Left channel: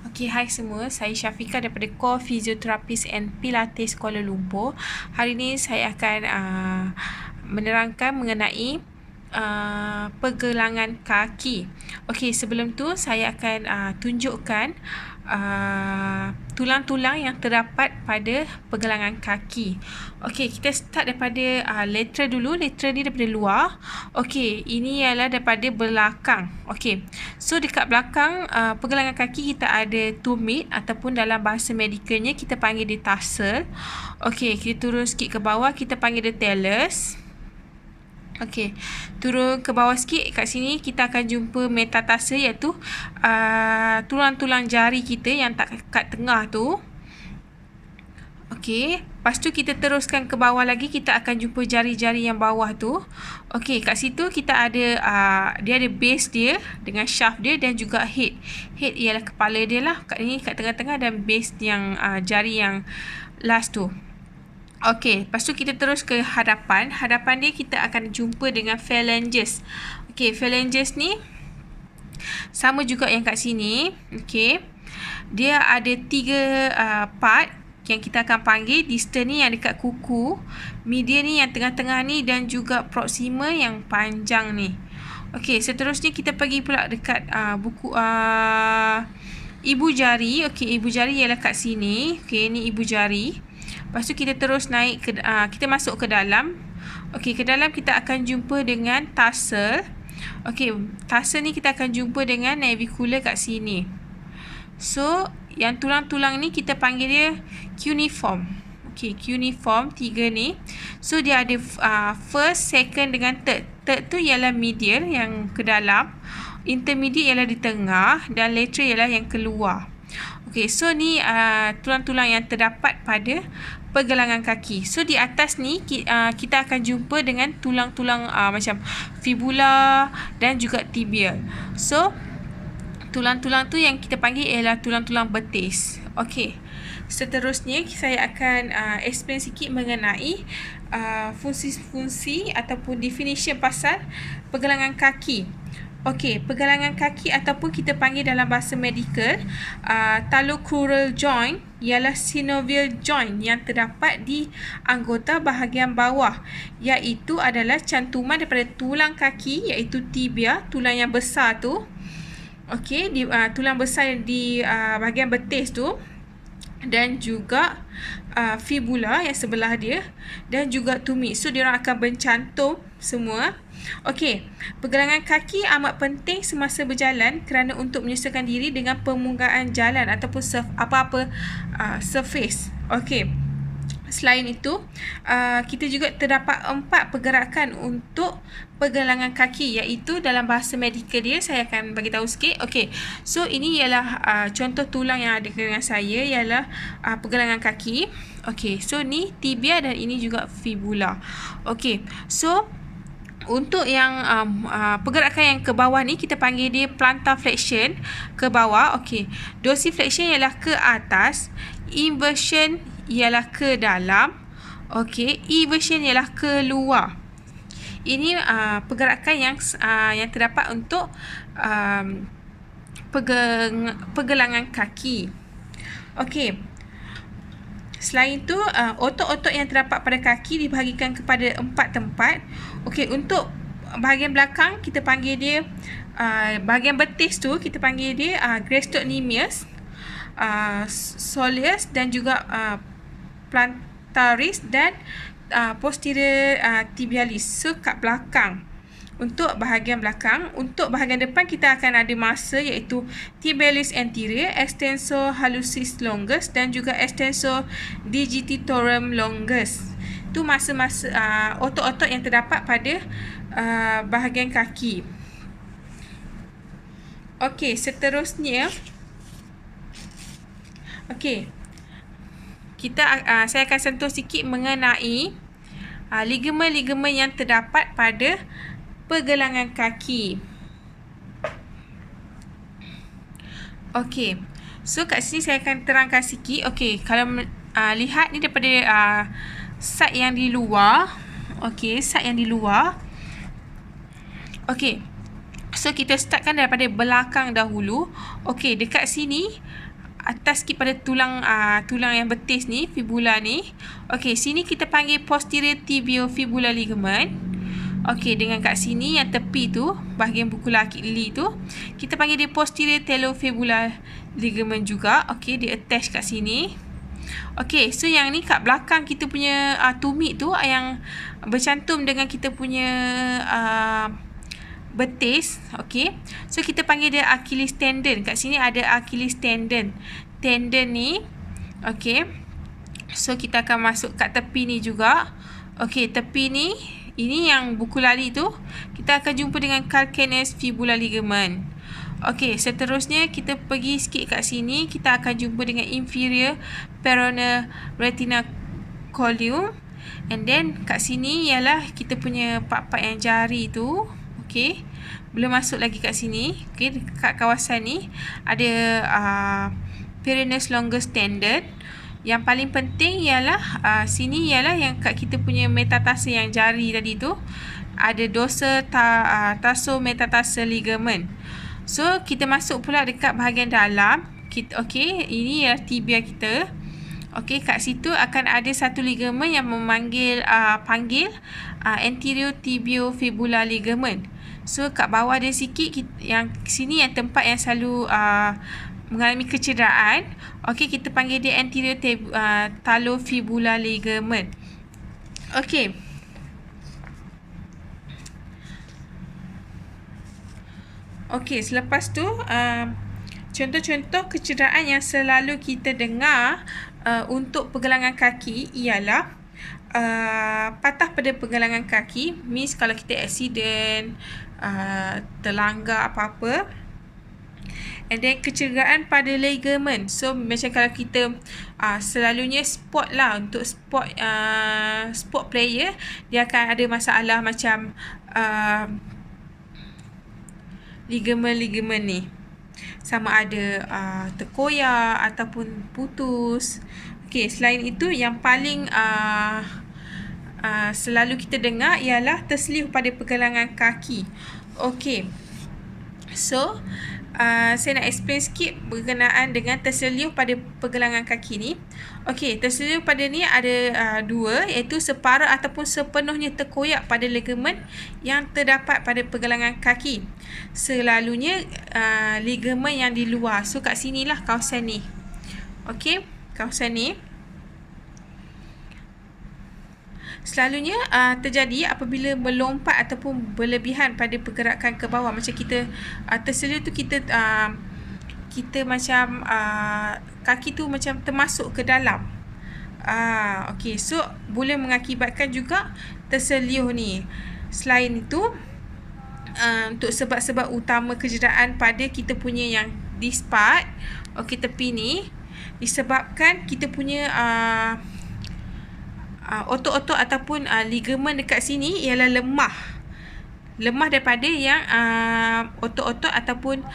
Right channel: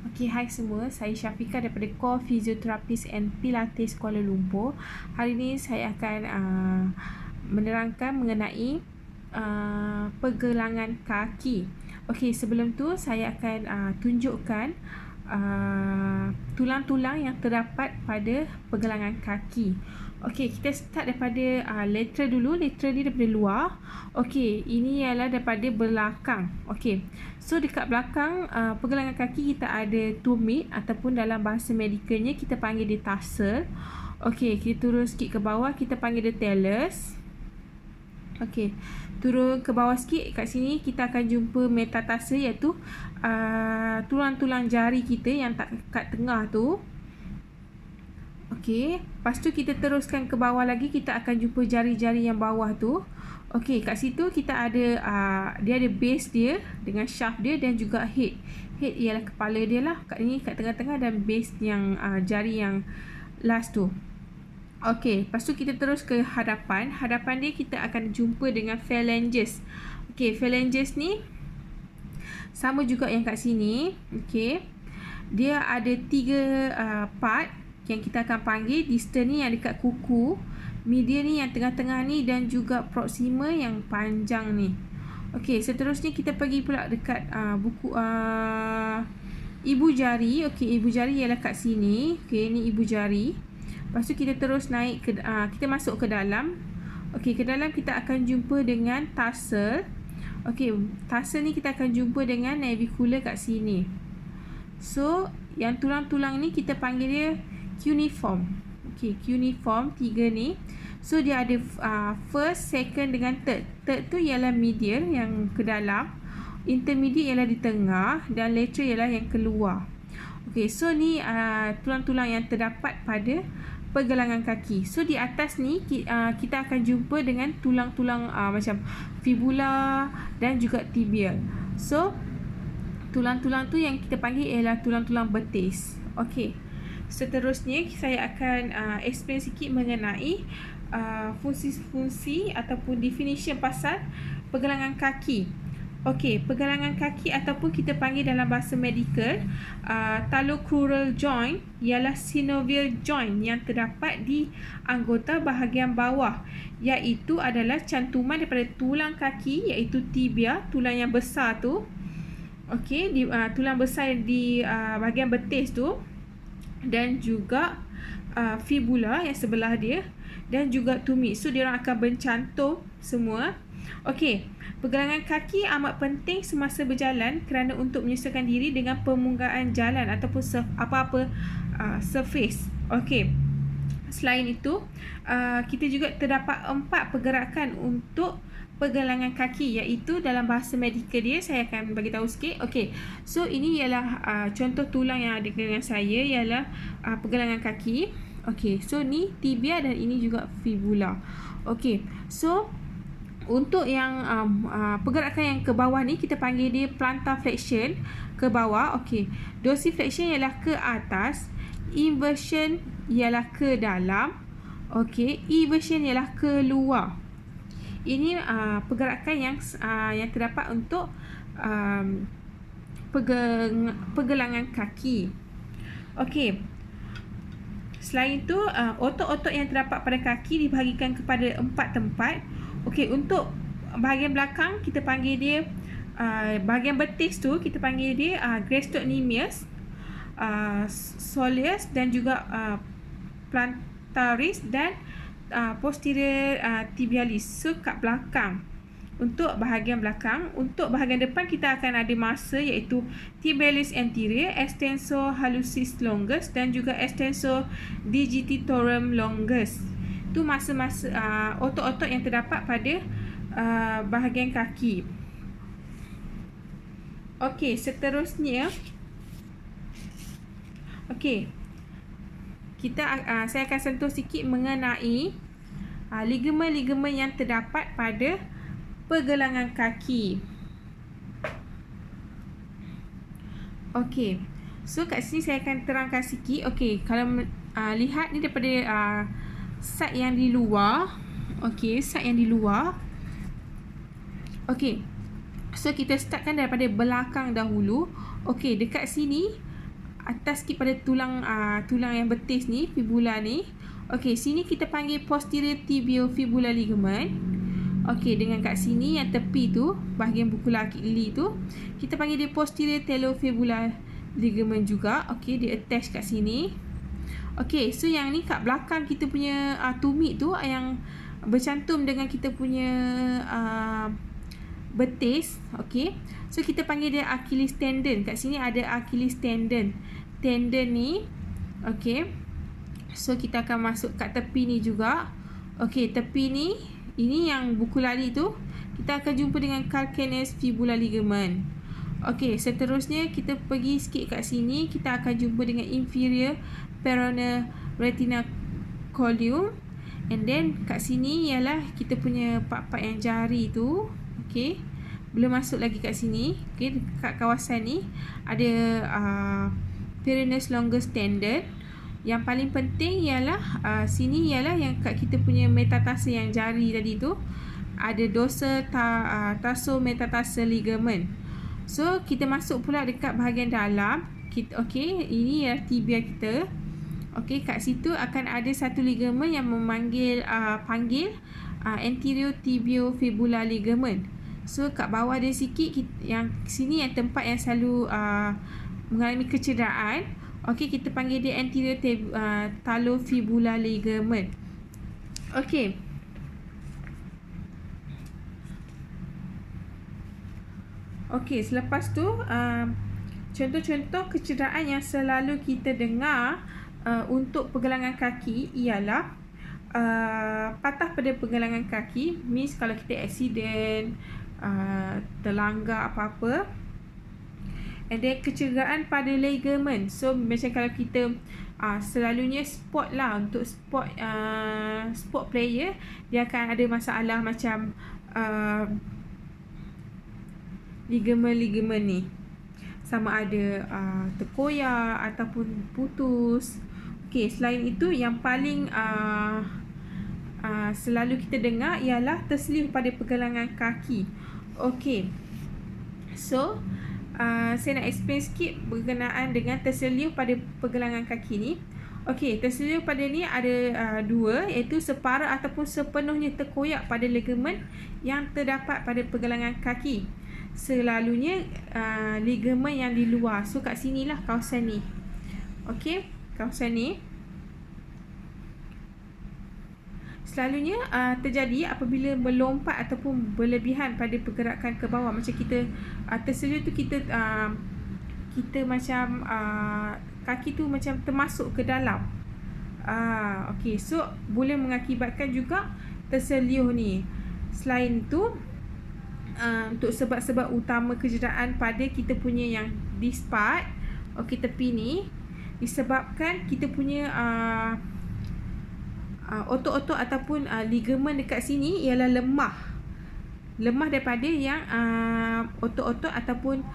Okay, hai semua. Saya Syafiqah daripada Core Physiotherapist and Pilates Kuala Lumpur. Hari ini saya akan menerangkan mengenai pergelangan kaki. Okey, sebelum tu saya akan tunjukkan tulang-tulang yang terdapat pada pergelangan kaki. Okey, kita start daripada lateral dulu. Lateral ni daripada luar. Okey, ini ialah daripada belakang. Okey, so dekat belakang pergelangan kaki kita ada tumit ataupun dalam bahasa medikalnya kita panggil dia tarsal. Okey, kita turun sikit ke bawah, kita panggil dia talus. Okey, turun ke bawah sikit, kat sini kita akan jumpa metatarsal, iaitu tulang-tulang jari kita yang tak kat tengah tu. Okey, lepas tu kita teruskan ke bawah lagi, kita akan jumpa jari-jari yang bawah tu. Okey, kat situ kita ada dia ada base dia dengan shaft dia dan juga head. Head ialah kepala dia lah, kat ni kat tengah-tengah, dan base yang jari yang last tu. Okey, lepas tu kita terus ke hadapan. Hadapan dia kita akan jumpa dengan phalanges. Okey, phalanges ni sama juga yang kat sini. Okey, dia ada 3 part yang kita akan panggil. Distal ni yang dekat kuku, medial ni yang tengah-tengah ni, dan juga proximal yang panjang ni. Okey, seterusnya kita pergi pula dekat buku ibu jari. Okey, ibu jari ialah kat sini. Okey, ni ibu jari. Lepas tu kita terus naik ke kita masuk ke dalam. Okey, ke dalam kita akan jumpa dengan tarsal. Okey, tarsal ni kita akan jumpa dengan navicular kat sini. So, yang tulang-tulang ni kita panggil dia cuneiform. Okey, cuneiform 3 ni. So, dia ada first, second dengan third. Third tu ialah medial yang ke dalam, intermediate ialah di tengah, dan lateral ialah yang keluar. Okey, so ni tulang-tulang yang terdapat pada pergelangan kaki. So di atas ni kita akan jumpa dengan tulang-tulang macam fibula dan juga tibia. So tulang-tulang tu yang kita panggil ialah tulang-tulang betis. Okey, seterusnya saya akan explain sikit mengenai fungsi-fungsi ataupun definition pasal pergelangan kaki. Okey, pergelangan kaki ataupun kita panggil dalam bahasa medikal talocrural joint ialah synovial joint yang terdapat di anggota bahagian bawah, iaitu adalah cantuman daripada tulang kaki, iaitu tibia, tulang yang besar tu. Okey, tulang besar di bahagian betis tu, dan juga fibula yang sebelah dia, dan juga tumit. So diorang akan bercantum semua. Okey, pergelangan kaki amat penting semasa berjalan kerana untuk menyesuaikan diri dengan permukaan jalan ataupun apa-apa surface. Okey, selain itu kita juga terdapat 4 pergerakan untuk pergelangan kaki, iaitu dalam bahasa medikal dia saya akan bagi tahu sikit. Okey, so ini ialah contoh tulang yang ada dengan saya ialah pergelangan kaki. Okey, so ni tibia dan ini juga fibula. Okey, so untuk yang pergerakan yang ke bawah ni kita panggil dia plantar flexion, ke bawah. Okey, dorsiflexion ialah ke atas, inversion ialah ke dalam. Okey, eversion ialah ke luar. Ini pergerakan yang terdapat untuk pergelangan kaki. Okey, selain itu, otot-otot yang terdapat pada kaki dibahagikan kepada 4 tempat. Okey, untuk bahagian belakang kita panggil dia bahagian betis tu kita panggil dia gastrocnemius, soleus, dan juga plantaris, dan posterior tibialis. So kat belakang, untuk bahagian belakang. Untuk bahagian depan kita akan ada masa, iaitu tibialis anterior, extensor hallucis longus, dan juga extensor digitorum longus. Itu masa-masa otot-otot yang terdapat pada bahagian kaki. Okey, seterusnya saya akan sentuh sikit mengenai ligamen-ligamen yang terdapat pada pergelangan kaki. Okey, so kat sini saya akan terangkan sikit. Okey, kalau lihat ni daripada side yang di luar. Okey, side yang di luar. Okey, so kita startkan daripada belakang dahulu. Okey, dekat sini atas sikit pada tulang tulang yang betis ni, fibula ni. Okey, sini kita panggil posterior tibiofibular ligament. Okey, dengan kat sini yang tepi tu, bahagian buku kaki tu, kita panggil dia posterior talofibular ligament juga. Okey, dia attach kat sini. Okey, so yang ni kat belakang kita punya tumit tu yang bercantum dengan kita punya betis. Okey, so kita panggil dia Achilles tendon. Kat sini ada Achilles tendon. Tendon ni, okey, so kita akan masuk kat tepi ni juga. Okey, tepi ni, ini yang buku lali tu, kita akan jumpa dengan calcaneus fibular ligament. Okey, seterusnya kita pergi sikit kat sini, kita akan jumpa dengan inferior peroneal retinaculum. And then kat sini ialah kita punya part-part yang jari tu. Okey, belum masuk lagi kat sini. Okey, kat kawasan ni ada peroneus longus tendon. Yang paling penting ialah sini ialah yang kat kita punya metatarsal yang jari tadi tu, ada dorsal tarsometatarsal ligament. So kita masuk pula dekat bahagian dalam. Okey, ini ialah tibia kita. Okey, kat situ akan ada satu ligament yang panggil anterior tibiofibular ligament. So kat bawah dia sikit, yang sini yang tempat yang selalu mengalami kecederaan. Okey, kita panggil dia anterior talofibular ligament. Okey. Okey, selepas tu contoh-contoh kecederaan yang selalu kita dengar untuk pergelangan kaki ialah patah pada pergelangan kaki. Means kalau kita accident, terlanggar apa-apa. And then kecederaan pada ligament. So macam kalau kita selalunya sport lah, untuk sport player, dia akan ada masalah macam ligament ni, sama ada terkoyak ataupun putus. Okey, selain itu yang paling selalu kita dengar ialah terselip pada pergelangan kaki. Okey, so saya nak explain sikit berkenaan dengan terselip pada pergelangan kaki ni. Okey, terselip pada ni ada dua, iaitu separa ataupun sepenuhnya terkoyak pada ligamen yang terdapat pada pergelangan kaki. Selalunya ligamen yang di luar. So kat sinilah kawasan ni. Okey, kawasan ni selalunya terjadi apabila melompat ataupun berlebihan pada pergerakan ke bawah. Macam kita terselip tu, kita macam kaki tu macam termasuk ke dalam. Okey, so boleh mengakibatkan juga terselip ni. Selain itu, untuk sebab-sebab utama kecederaan pada kita punya yang this part, okey, tepi ni, disebabkan kita punya otot-otot ataupun ligamen dekat sini ialah lemah daripada yang otot-otot ataupun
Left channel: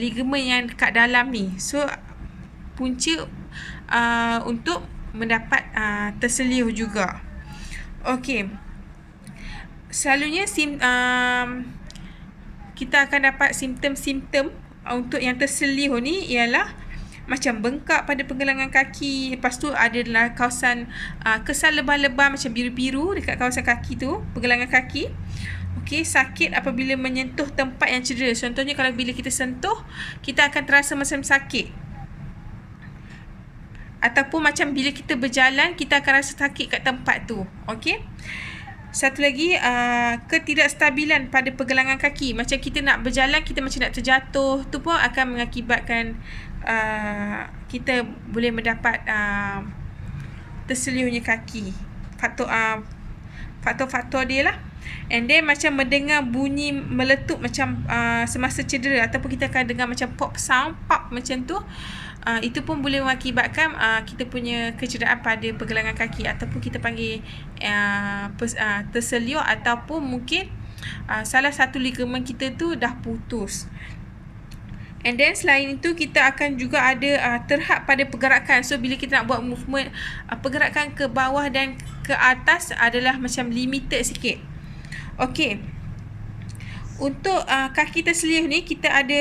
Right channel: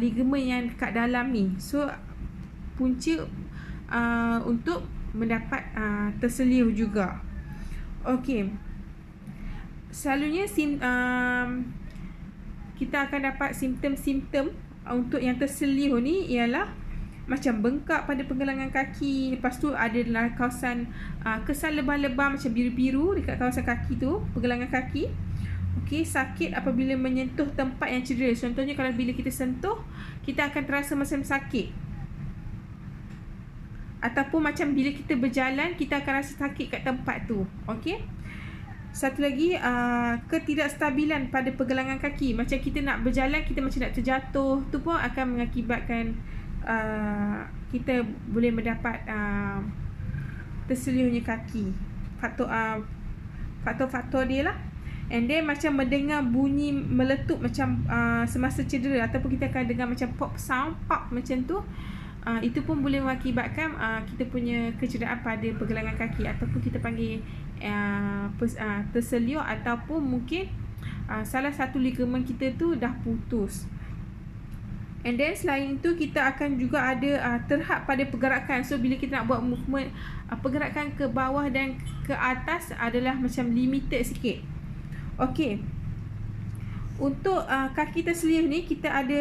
ligamen yang dekat dalam ni. So punca untuk mendapat terselip juga. Okey, selalunya kita akan dapat simptom-simptom untuk yang terselip ni ialah macam bengkak pada pergelangan kaki. Lepas tu adalah kawasan kesan lebam-lebam macam biru-biru dekat kawasan kaki tu, pergelangan kaki. Okey, sakit apabila menyentuh tempat yang cedera. Contohnya kalau bila kita sentuh, kita akan terasa macam sakit. Ataupun macam bila kita berjalan, kita akan rasa sakit kat tempat tu. Okey. Satu lagi, ketidakstabilan pada pergelangan kaki. Macam kita nak berjalan, kita macam nak terjatuh. Tu pun akan mengakibatkan kita boleh mendapat terselipnya kaki. Faktor-faktor dia lah. And then macam mendengar bunyi meletup macam semasa cedera, ataupun kita akan dengar macam pop sound, pop macam tu. Itu pun boleh mengakibatkan kita punya kecederaan pada pergelangan kaki, ataupun kita panggil terselip, ataupun mungkin salah satu ligamen kita tu dah putus. And then selain itu, kita akan juga ada terhad pada pergerakan. So bila kita nak buat movement, pergerakan ke bawah dan ke atas adalah macam limited sikit. Okey, untuk kaki terselip ni, kita ada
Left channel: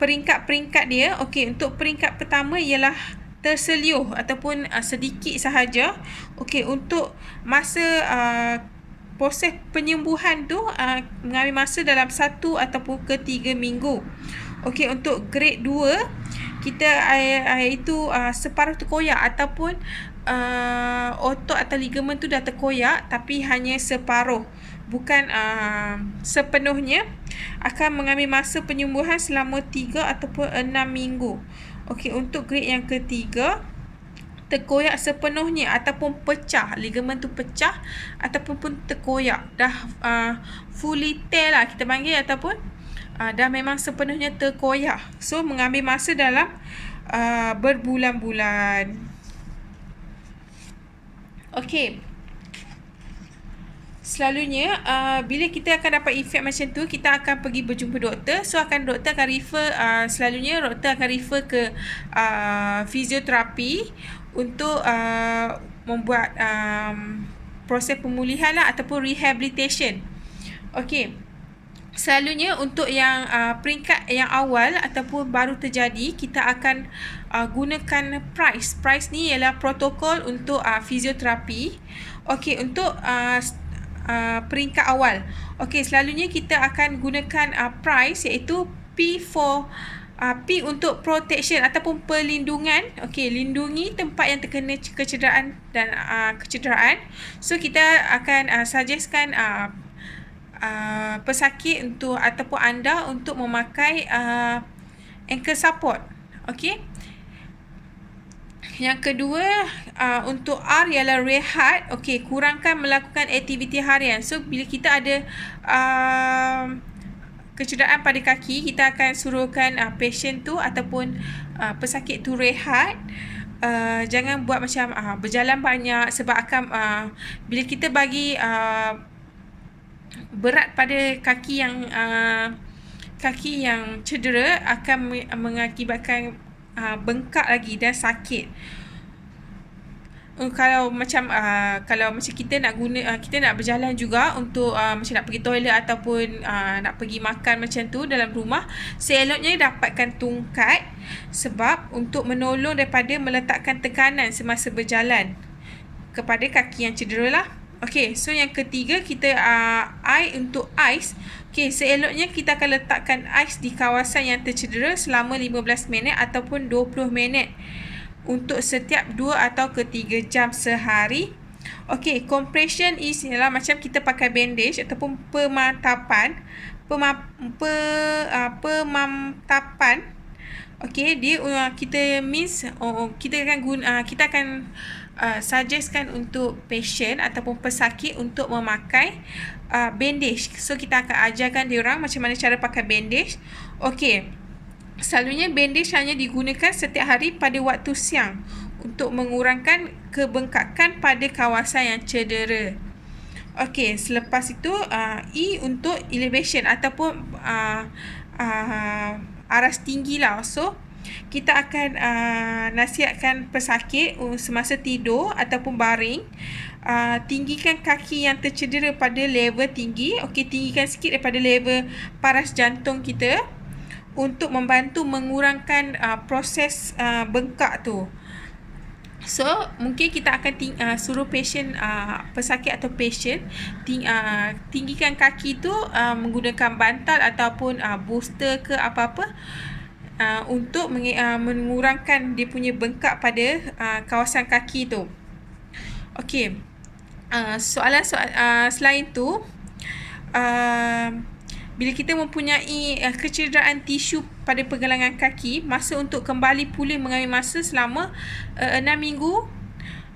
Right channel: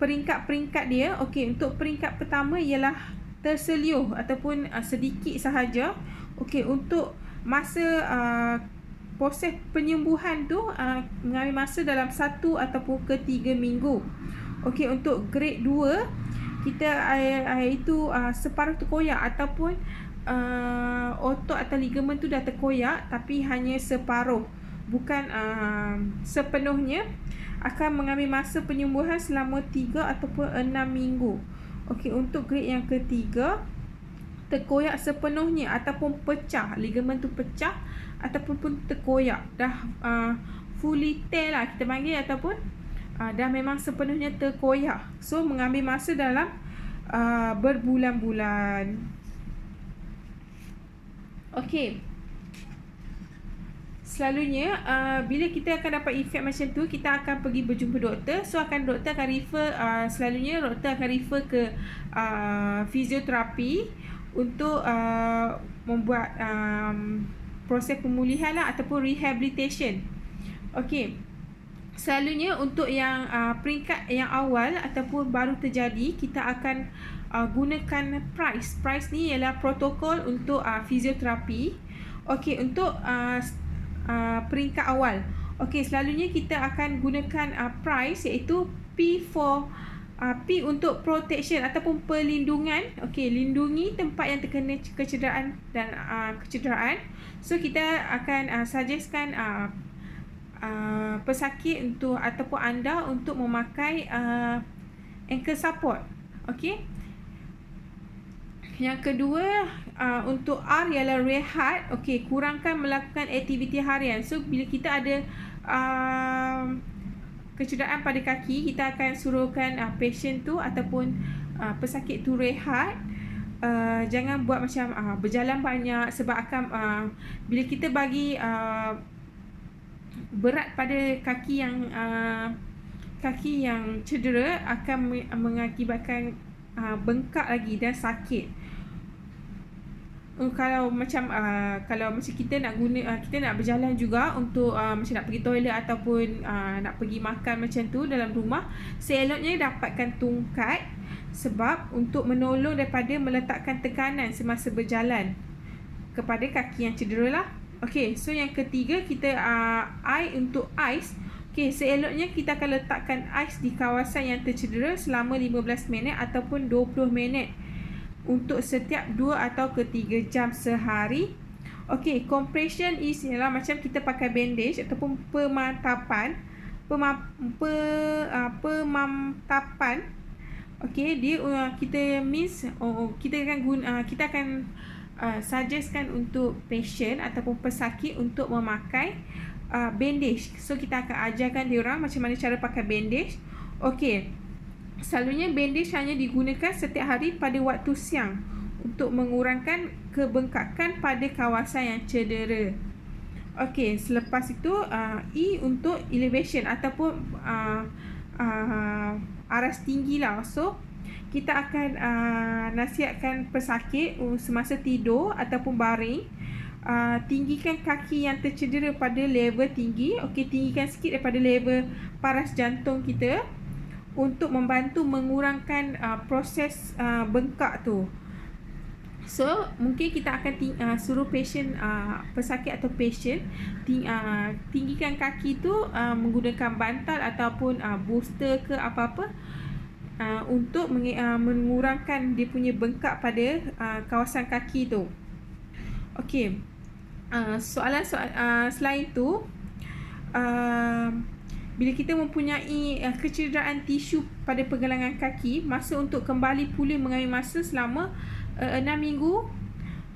peringkat-peringkat dia. Okey, untuk peringkat pertama ialah terseliuh ataupun sedikit sahaja. Okey, untuk masa proses penyembuhan tu mengambil masa dalam 1 ataupun ke 3 minggu. Okey, untuk grade 2 kita iaitu separuh terkoyak ataupun otot atau ligamen tu dah terkoyak tapi hanya separuh, bukan sepenuhnya. Akan mengambil masa penyembuhan selama 3 ataupun 6 minggu. Okey, untuk grade yang ketiga, terkoyak sepenuhnya ataupun pecah, ligamen tu pecah ataupun pun terkoyak, dah fully tear lah kita panggil, ataupun dah memang sepenuhnya terkoyak. So mengambil masa dalam berbulan-bulan. Okey, selalunya bila kita akan dapat efek macam tu, kita akan pergi berjumpa doktor. So doktor akan refer, selalunya doktor akan refer ke fizioterapi untuk membuat proses pemulihan lah ataupun rehabilitation. Okey, selalunya untuk yang peringkat yang awal ataupun baru terjadi, kita akan gunakan PRICE. PRICE ni ialah protokol untuk fizioterapi. Okey, untuk peringkat awal. Okey, selalunya kita akan gunakan PRICE, iaitu P untuk protection ataupun perlindungan. Okey, lindungi tempat yang terkena kecederaan dan kecederaan. So kita akan suggestkan pesakit untuk ataupun anda untuk memakai ankle support. Okey. Yang kedua, untuk R ialah rehat. Okey, kurangkan melakukan aktiviti harian. So bila kita ada kecederaan pada kaki, kita akan suruhkan pasien tu ataupun pesakit tu rehat. Jangan buat macam berjalan banyak, sebab akan bila kita bagi berat pada kaki yang cedera, akan mengakibatkan bengkak lagi dan sakit. Kalau macam kita nak kita nak berjalan juga untuk macam nak pergi toilet ataupun nak pergi makan macam tu dalam rumah, seeloknya dapatkan tungkat, sebab untuk menolong daripada meletakkan tekanan semasa berjalan kepada kaki yang cedera lah. Okey, so yang ketiga, kita untuk ais. Okey, seeloknya kita akan letakkan ais di kawasan yang tercedera selama 15 minit ataupun 20 minit untuk setiap 2 atau ke 3 jam sehari. Okey, compression ialah macam kita pakai bandage ataupun pemantapan. Okey, dia kita akan suggestkan untuk patient ataupun pesakit untuk memakai bandage. So kita akan ajarkan dia orang macam mana cara pakai bandage. Okey, selalunya bandage hanya digunakan setiap hari pada waktu siang untuk mengurangkan kebengkakan pada kawasan yang cedera. Okey, selepas itu E untuk elevation ataupun aras tinggi lah. So kita akan nasihatkan pesakit semasa tidur ataupun baring, tinggikan kaki yang tercedera pada level tinggi. Okey, tinggikan sikit daripada level paras jantung kita untuk membantu mengurangkan proses bengkak tu. So mungkin kita akan suruh pesakit atau patient tinggikan kaki tu menggunakan bantal ataupun booster ke apa-apa, untuk mengurangkan dia punya bengkak pada kawasan kaki tu. Okey, soalan selain tu, bila kita mempunyai kecederaan tisu pada pergelangan kaki, masa untuk kembali pulih mengambil masa selama 6 minggu,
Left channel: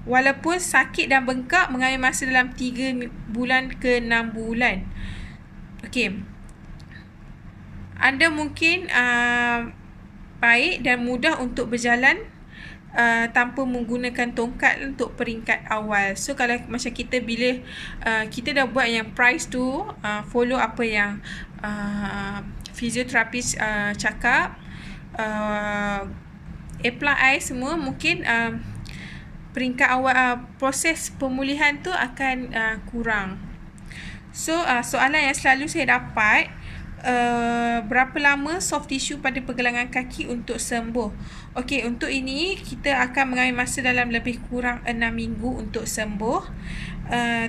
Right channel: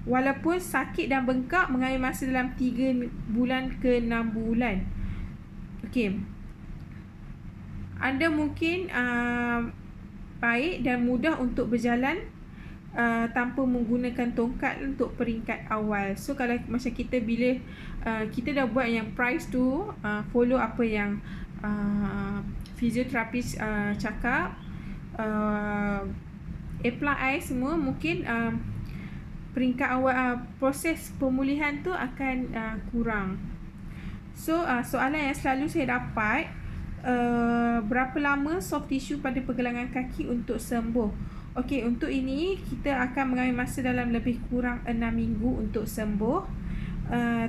walaupun sakit dan bengkak mengambil masa dalam 3 bulan ke 6 bulan. Okey, anda mungkin baik dan mudah untuk berjalan tanpa menggunakan tongkat untuk peringkat awal. So kalau macam kita, bila kita dah buat yang PRICE tu, follow apa yang fizioterapis cakap, apply air semua, mungkin peringkat awal proses pemulihan tu akan kurang. So soalan yang selalu saya dapat, berapa lama soft tissue pada pergelangan kaki untuk sembuh. Okey, untuk ini kita akan mengambil masa dalam lebih kurang 6 minggu untuk sembuh.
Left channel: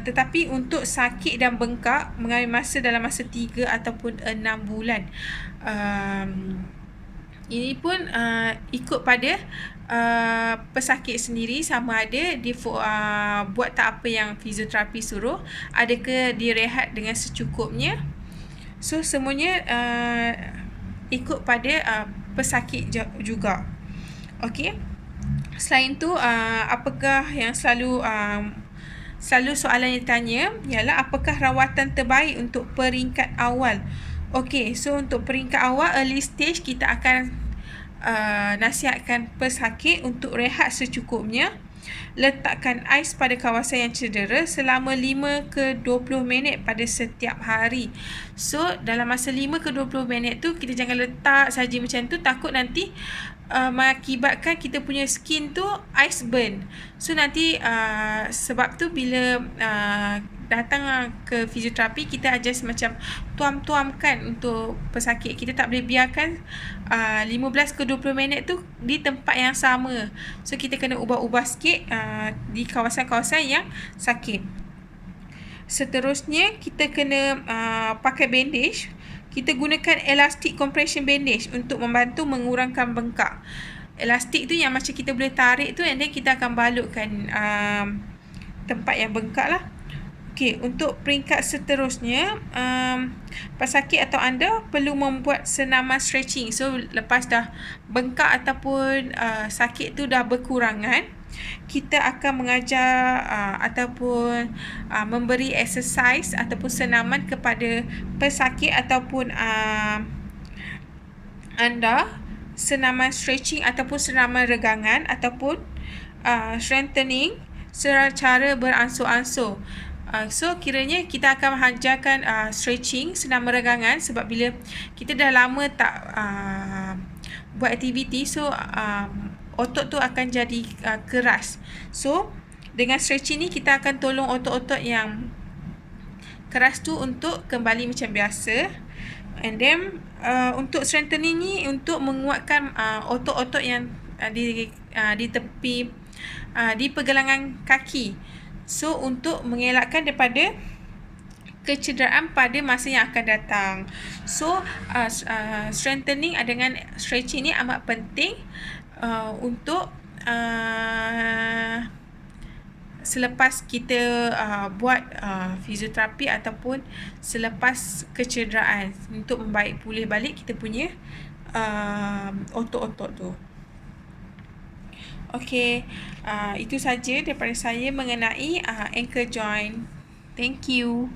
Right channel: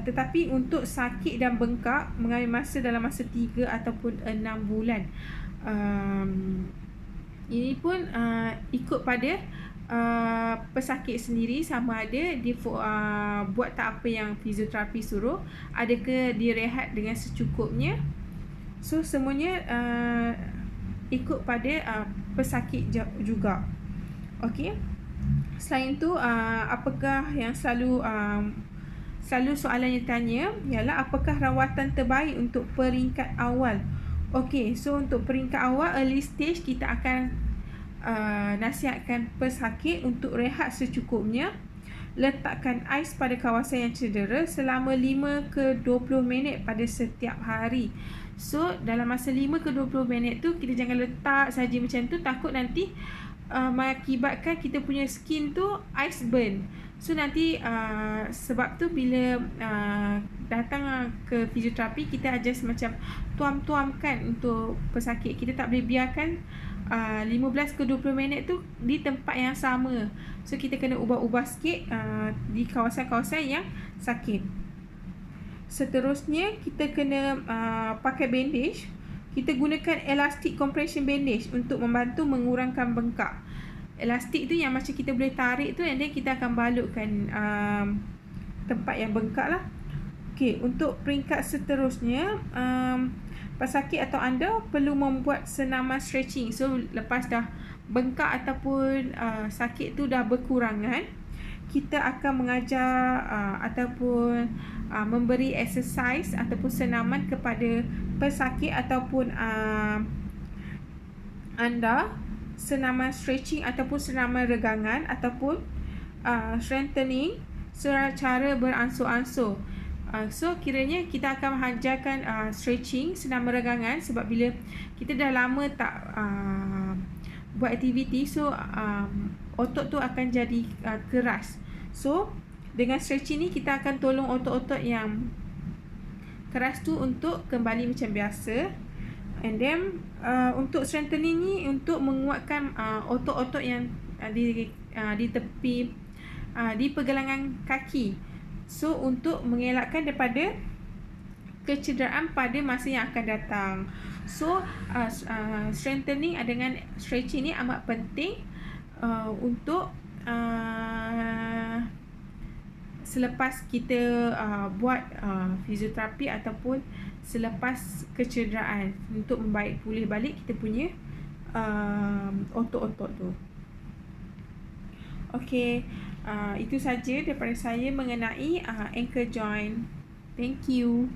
Tetapi untuk sakit dan bengkak mengambil masa dalam masa 3 ataupun 6 bulan. Ini pun ikut pada pesakit sendiri, sama ada dia buat tak apa yang fizioterapi suruh, adakah dia rehat dengan secukupnya. So semuanya ikut pada pesakit juga. Okey. Selain tu apakah yang selalu soalan yang ditanya ialah apakah rawatan terbaik untuk peringkat awal. Okey, so untuk peringkat awal early stage kita akan nasihatkan pesakit untuk rehat secukupnya. Letakkan ais pada kawasan yang cedera selama 5 ke 20 minit pada setiap hari. So dalam masa 5 ke 20 minit tu kita jangan letak saja macam tu, takut nanti mengakibatkan kita punya skin tu ice burn. So nanti sebab tu bila datang ke fizioterapi, kita adjust macam tuam-tuamkan untuk pesakit. Kita tak boleh biarkan 15 ke 20 minit tu di tempat yang sama. So kita kena ubah-ubah sikit di kawasan-kawasan yang sakit. Seterusnya kita kena pakai bandage. Kita gunakan elastic compression bandage untuk membantu mengurangkan bengkak. Elastik tu yang macam kita boleh tarik tu, and then kita akan balutkan tempat yang bengkak lah. Okey, untuk peringkat seterusnya, pesakit atau anda perlu membuat senaman stretching. So lepas dah bengkak ataupun sakit tu dah berkurangan, kita akan mengajar ataupun memberi exercise ataupun senaman kepada pesakit ataupun anda, senaman stretching ataupun senaman regangan ataupun strengthening secara beransur-ansur. So kiranya kita akan mengajarkan stretching, senaman regangan, sebab bila kita dah lama tak buat aktiviti, so otot tu akan jadi keras. So dengan stretching ni kita akan tolong otot-otot yang keras tu untuk kembali macam biasa. And then untuk strengthening ni untuk menguatkan otot-otot yang di tepi di pergelangan kaki. So untuk mengelakkan daripada kecederaan pada masa yang akan datang. So strengthening dengan stretching ni amat penting untuk selepas kita buat fizioterapi ataupun selepas kecederaan, untuk membaik pulih balik kita punya otot-otot tu. Okey, itu saja daripada saya mengenai ankle joint. Thank you.